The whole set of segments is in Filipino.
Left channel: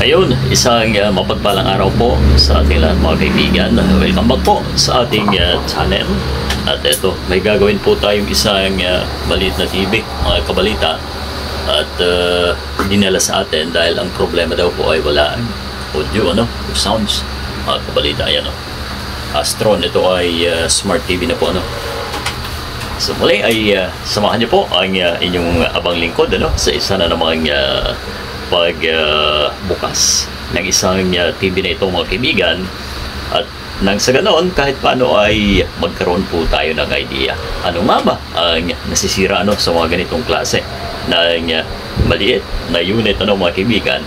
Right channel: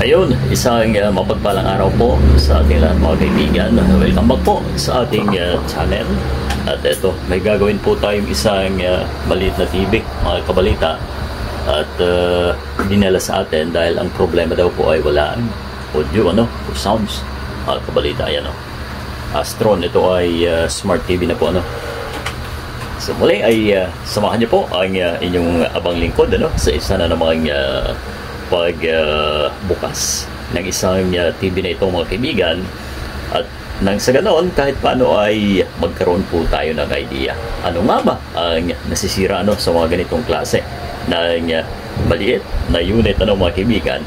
Ayun, isang mapagpalang araw po sa ating lahat mga kaibigan. Welcome back po sa ating channel. At ito, may gagawin po tayong isang maliit na TV, mga kabalita. At dinala sa atin dahil ang problema daw po ay wala audio, o sounds, mga kabalita. Ayan, Astron, ito ay smart TV na po, So muli ay samahan niyo po ang inyong abang lingkod, sa isa na namang pagbukas ng isang TV na ito, mga kaibigan. At nang sa ganoon, kahit paano ay magkaroon po tayo ng idea. Ano nga ba ang nasisira sa mga ganitong klase ng maliit na unit, mga kaibigan?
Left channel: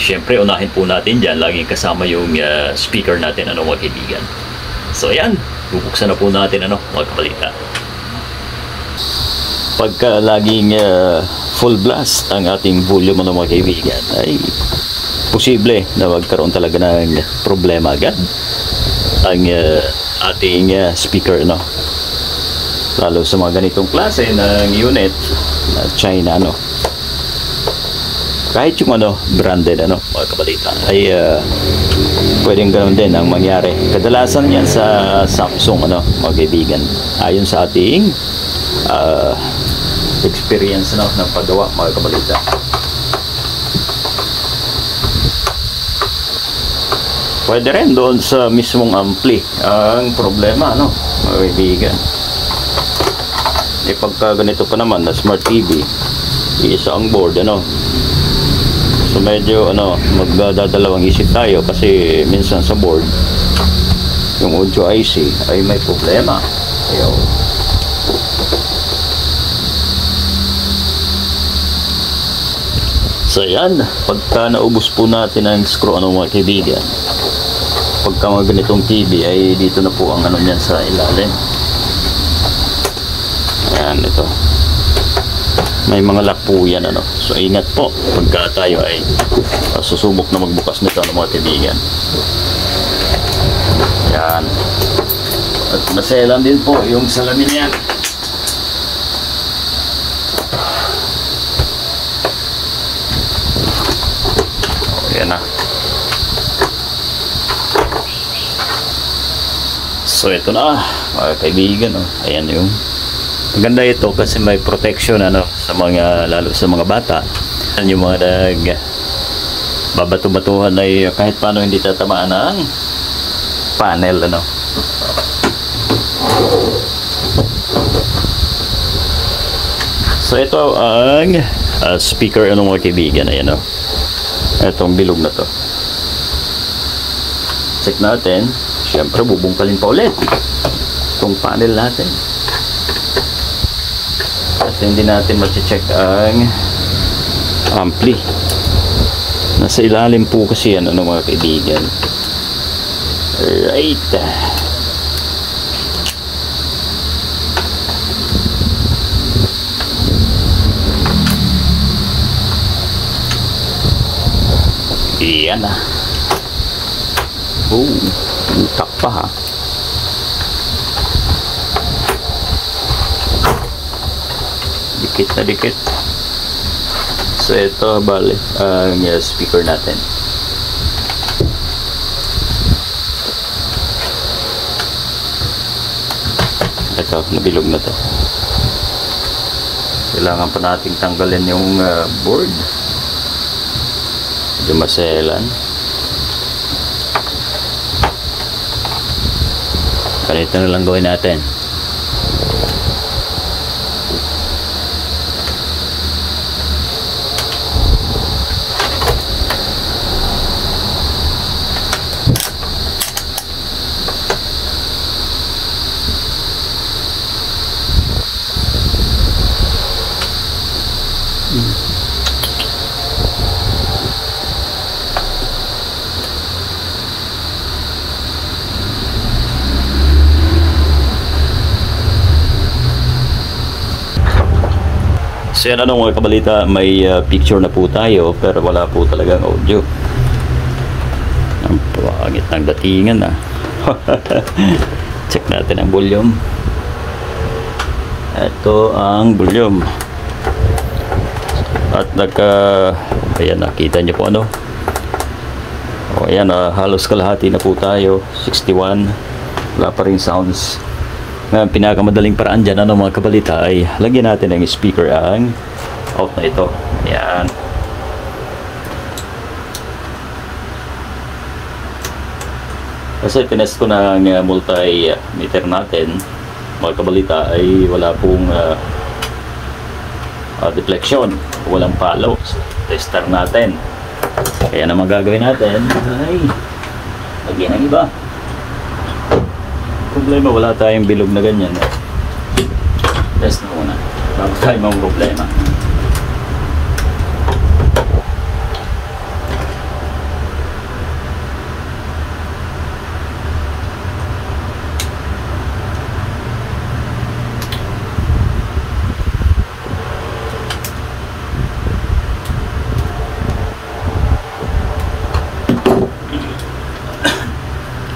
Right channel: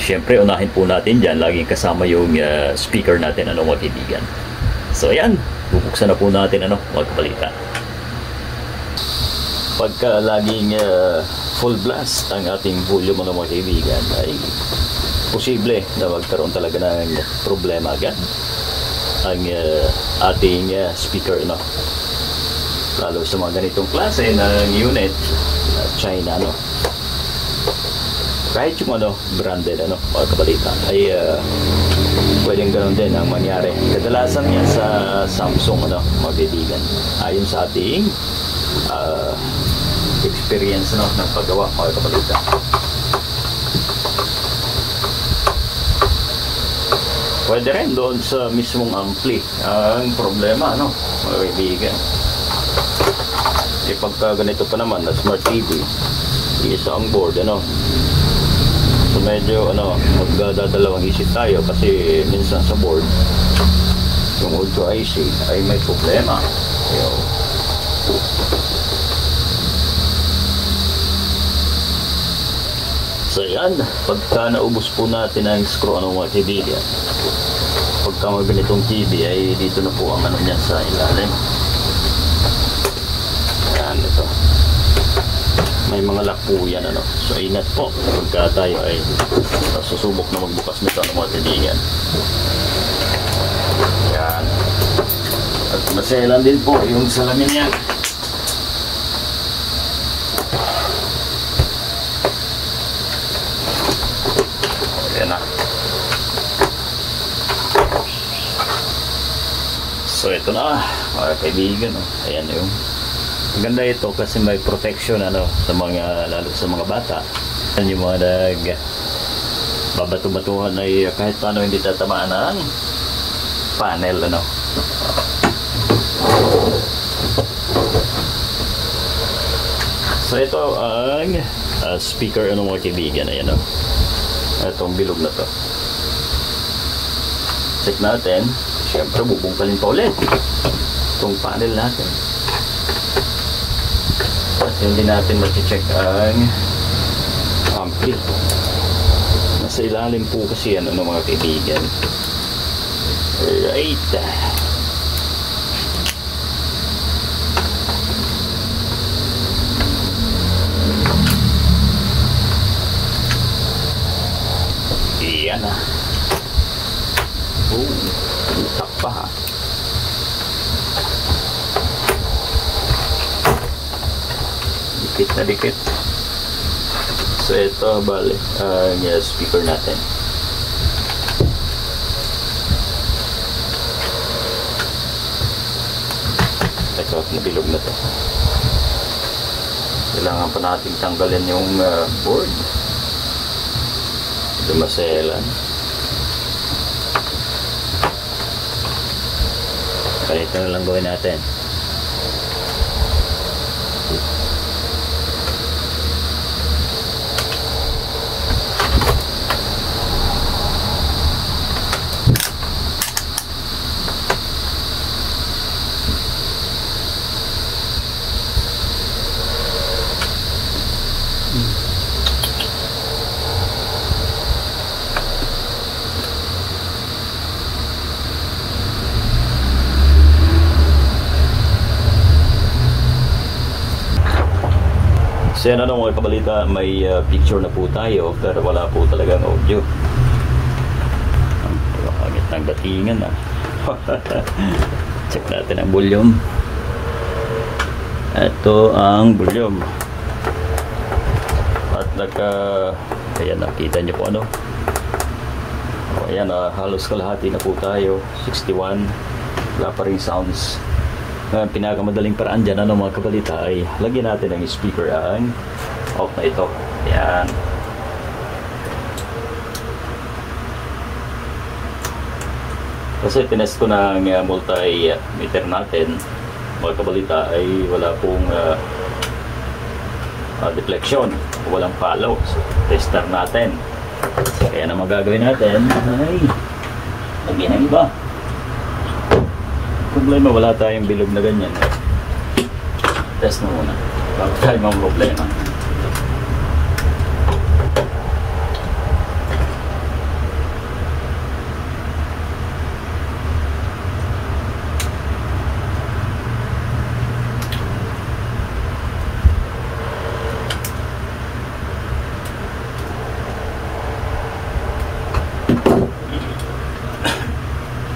Siyempre, unahin po natin dyan, laging kasama yung speaker natin, mga kaibigan. So ayan, bubuksan na po natin, mga kabalita. Pagka laging full blast ang ating volume, mga kaibigan, ay posible na magkaroon talaga ng problema agad ang ating speaker, lalo sa mga ganitong klase ng unit na China, kahit yung branded, mga kabalita, ay pwedeng ganoon din ang mangyari. Kadalasan yan sa Samsung, mga kaibigan, ayon sa ating experience ng paggawa, mga kabalita. Pwede rin doon sa mismong ampli ang problema, mga kaibigan. Pagka ganito pa naman na smart TV, isa ang board, so medyo magdadalawang isip tayo kasi minsan sa board yung audio IC ay may problema. So yan, pagka naubos po natin ang screw, mga kaibigan, pagka mga ganitong TV ay dito na po ang niyan sa ilalim. Yan, ito may mga lock po yan, so ingat po pagka tayo ay susubok na magbukas nito, mga kaibigan. Yan, at naselan din po yung salamin yan. Yan na. So ito na, mga kaibigan, ayan yung maganda ito kasi may protection, sa mga, lalo sa mga bata, yung mga babato-batuhan ay kahit paano hindi tatamaan ng panel, So ito ang speaker, mga kaibigan, ayan, itong bilog na to. Check natin. Siyempre, bubungkalin pa ulit itong panel natin kasi hindi natin ma-check ang ampli. Nasa ilalim po kasi yan, mga kaibigan. Right. Yan na. Utak pa, ha. Dikit na dikit. So ito bali ang speaker natin. Ito, nabilog na to. Kailangan pa nating tanggalin yung board. Hindi maselan. Ganito na lang gawin natin. So yan, mga kabalita, may picture na po tayo pero wala po talagang audio. Ang pangit ng datingan, Check natin ang volume. Ito ang volume. At Ayan, nakita niyo po ano. O ayan, halos kalahati na po tayo. 61. Wala pa rin sounds. Ngayon, pinakamadaling paraan dyan, ano mga kabalita, ay lagyan natin ang speaker ang out na ito. Ayan. Kasi pinest ko na ang multimeter natin, mga kabalita, ay wala pong deflection, walang follow. Tester natin. Kaya naman gagawin natin ay lagyan ang iba. Problema, wala tayong bilog na ganyan. Test na muna. Wala tayong problema.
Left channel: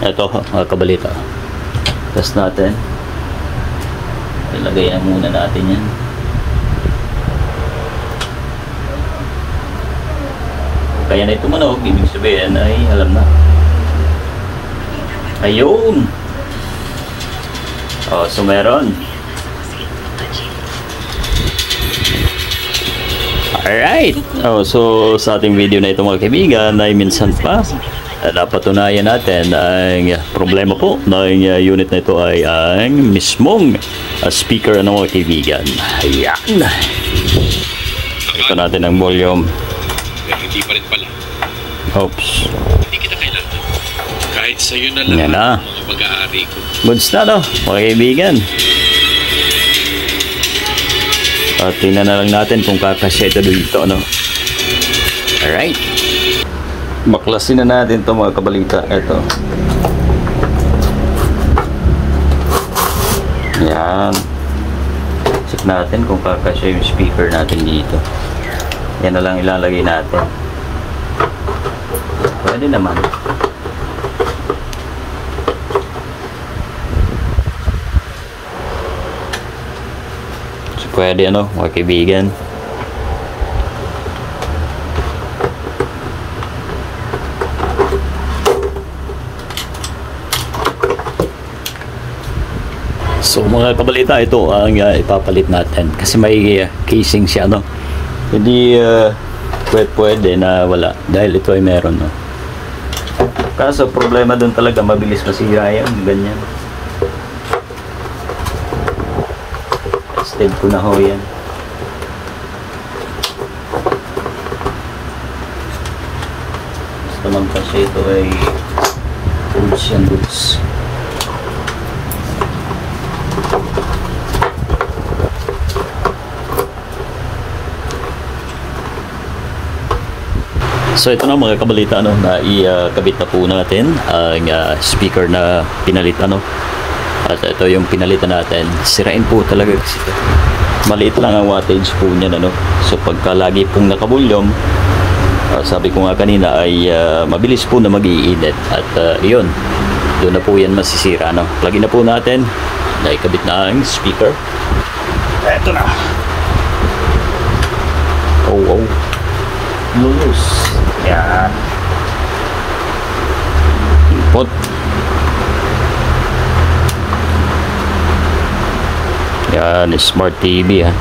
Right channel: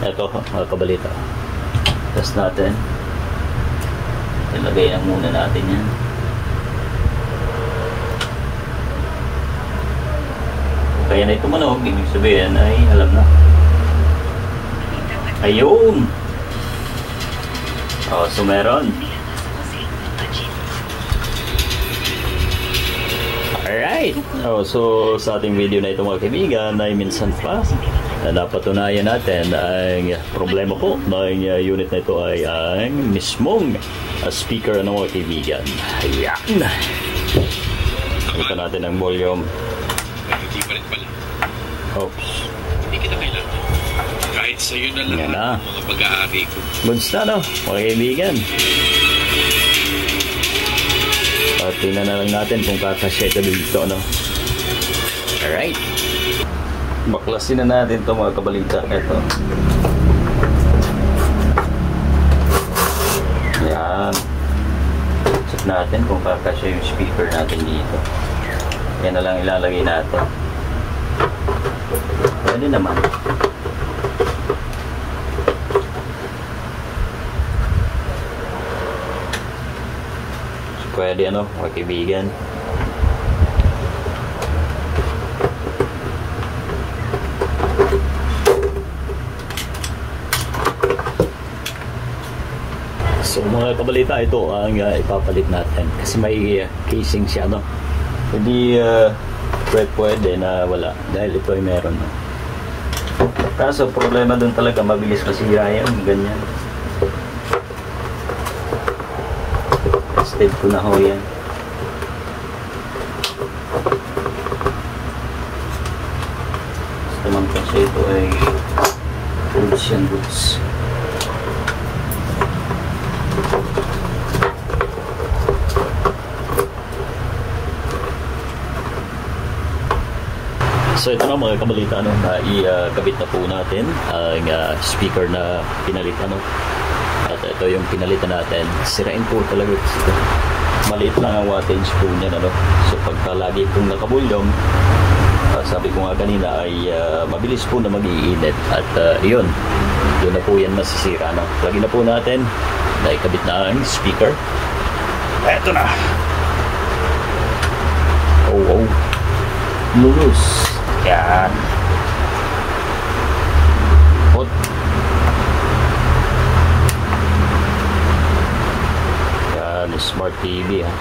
Ito, mga kabalita. Test natin. Ilagay na muna natin yan. Kaya na ito manog, ibig sabihin ay alam na. Ayun! O, so meron. Alright! O, so sa ating video na ito mga kaibigan ay minsan pa napatunayan natin ang problema po ng unit na ito ay ang mismong speaker ng mga kaibigan. Ayan. Ito natin ang volume. Hindi pa rin pala. Oops. Hindi kita kailangan. Kahit sa'yo na lang ang mga pag-aari ko. Goods na no, mga kaibigan. At tingnan na lang natin kung kakasya ito dito, no? Alright. Baklasin na natin ito mga kabalita. Ito. Yan. Check natin kung kakasya yung speaker natin dito. Yan na lang ilalagay natin. Pwede naman. So, pwede ano mga kaibigan. So mga kabalita, ito ang ipapalit natin kasi may casing siya, no? Hindi pwede na wala dahil ito ay meron, no? Kaso problema dun talaga, mabilis masira yan, ganyan. Tested ko na ho yan. Basta lang kasi ito ay goods yan, goods. So ito na mga kabalita, ano, na ikabit na po natin ang speaker na pinalit, ano. At ito yung pinalitan natin. Sirain po talaga kasi ito. Maliit lang ang wattage po niyan, ano. So pagka lagi pong nakabulyom, sabi ko nga kanina ay mabilis po na mag-iinit. At yun na po yan masisira, no. Lagi na po natin na ikabit na ang speaker. Ito na. Oh. Loose. Yan. Ipot. Yan, smart TV, ha.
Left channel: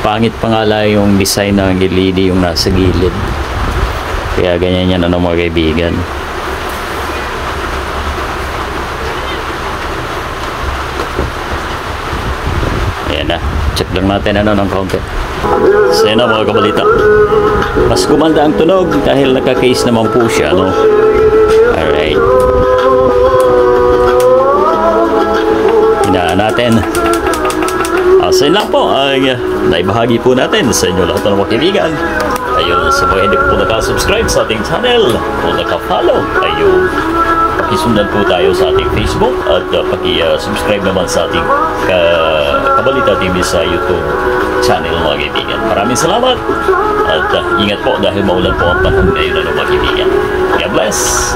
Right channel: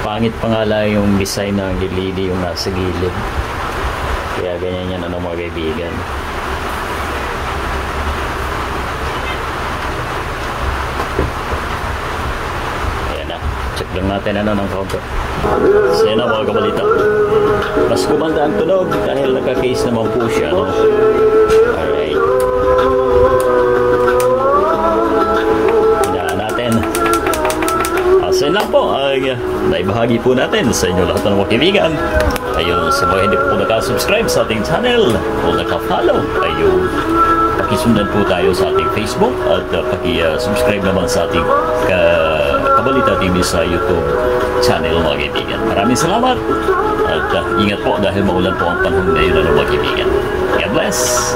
Pangit pa nga lang yung design ng LED yung nasa gilid. Kaya ganyan yan, ano mga kaibigan. Ayan na. Check lang natin ano ng counter. So yun na mga kabalita. Mas gumanda ang tunog dahil naka-case naman po siya, no? Alright. Hinaan natin. So yun lang po ay naibahagi po natin sa inyo lahat ng mga kaibigan. Ayun, sa mga hindi po nakasubscribe sa ating channel o nakafollow, ayun, pakisundan po tayo sa ating Facebook at paki-subscribe naman sa ating Kabalita TV sa YouTube channel mga kaibigan. Maraming salamat at ingat po dahil maulan po ang panahon ngayon, mga kaibigan. God bless!